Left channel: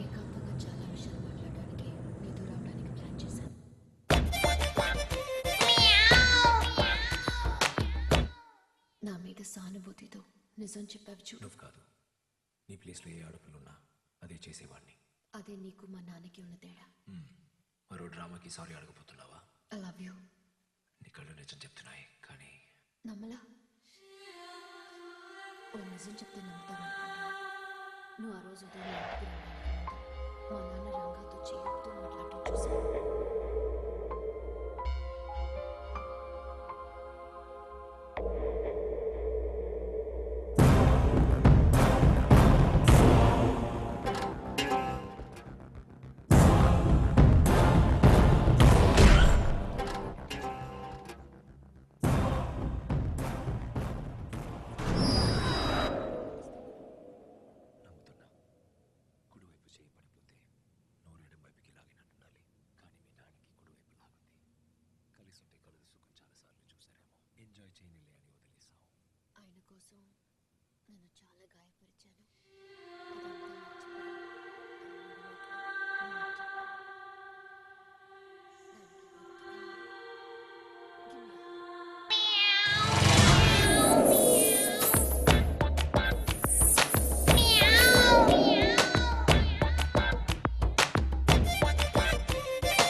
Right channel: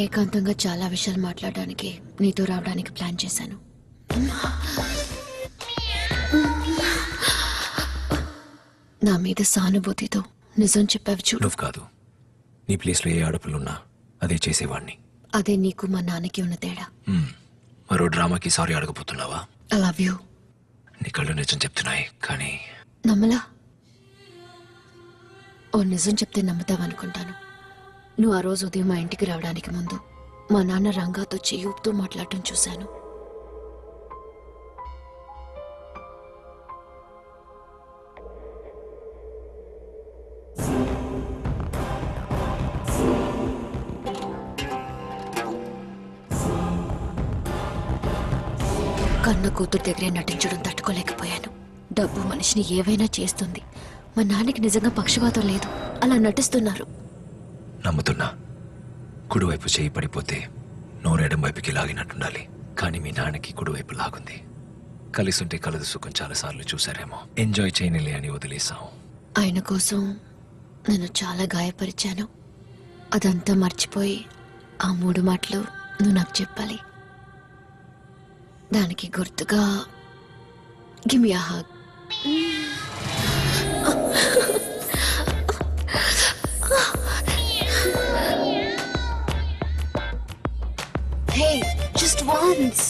ఏకాంతంగా చాలా విషయాలు మాట్లాడడానికి నీతో రావడానికి ప్లాన్ చేశాను. నా మీద సానుభూతితో నిజం చెప్పావు చూడు. నువ్వు కాదు, నీ ప్లేస్లో ఏ ఆడపిల్లున్నా అదే చేసేవాడిని. అదే నీకు మా నాన్నకి ఉన్న తేడా. మరో డ్రామాకి సారీ అడగబోతున్నావా? I love you. నీ కళ్ళు నిజం చెప్తున్నాయి, కానీ నమ్మలా? ఓ నిజం చెప్తే నమ్ముతావనుకుంటాను. నువ్వు ఆ రోజు ఉదయం మా ఇంటికి రావడానికి ముందు మా నాన్న రంగాతో చెయ్యూపుతూ మాట్లాడటం చూశాను. కన్న కూతురు దగ్గరే నటించడం తట్టుకోలేకపోయాను. డబ్బు మనిషిని ఏవైనా చేస్తుంది. మా నాన్నకి నిజంగా పక్షపాతం లేదు, అలా నటిస్తున్నారు. నమ్ముతున్నా. కుడివైపు చేయి పడిపోతే నోరెడం వైపుకి లాగినట్టుండాలి, కానీ మీ నాన్నకి కుడివైపు లాగుంది. కలిసుంటే కలదు సుఖం చాలాసార్లు చూసారేమో. ఎంజాయ్ చేయనిలే అని వదిలేసాం. ఆయన కోసం నన్ను చాలా గాయపరిచాను. అదంతా మర్చిపోయి ఆ 3 మాటలు నువ్వు నాకు చెప్పాలి. దానికి గుర్తుగా గివ్ మీ ఎ హగ్. Hey, just once.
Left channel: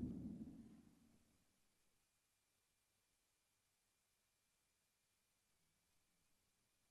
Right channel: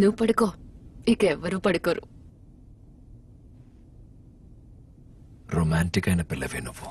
నువ్వు పడుకో, ఇక ఎవ్వరూ పడుకోరు. రొమాంటిక్ అయిన పిల్లవే నువ్వు.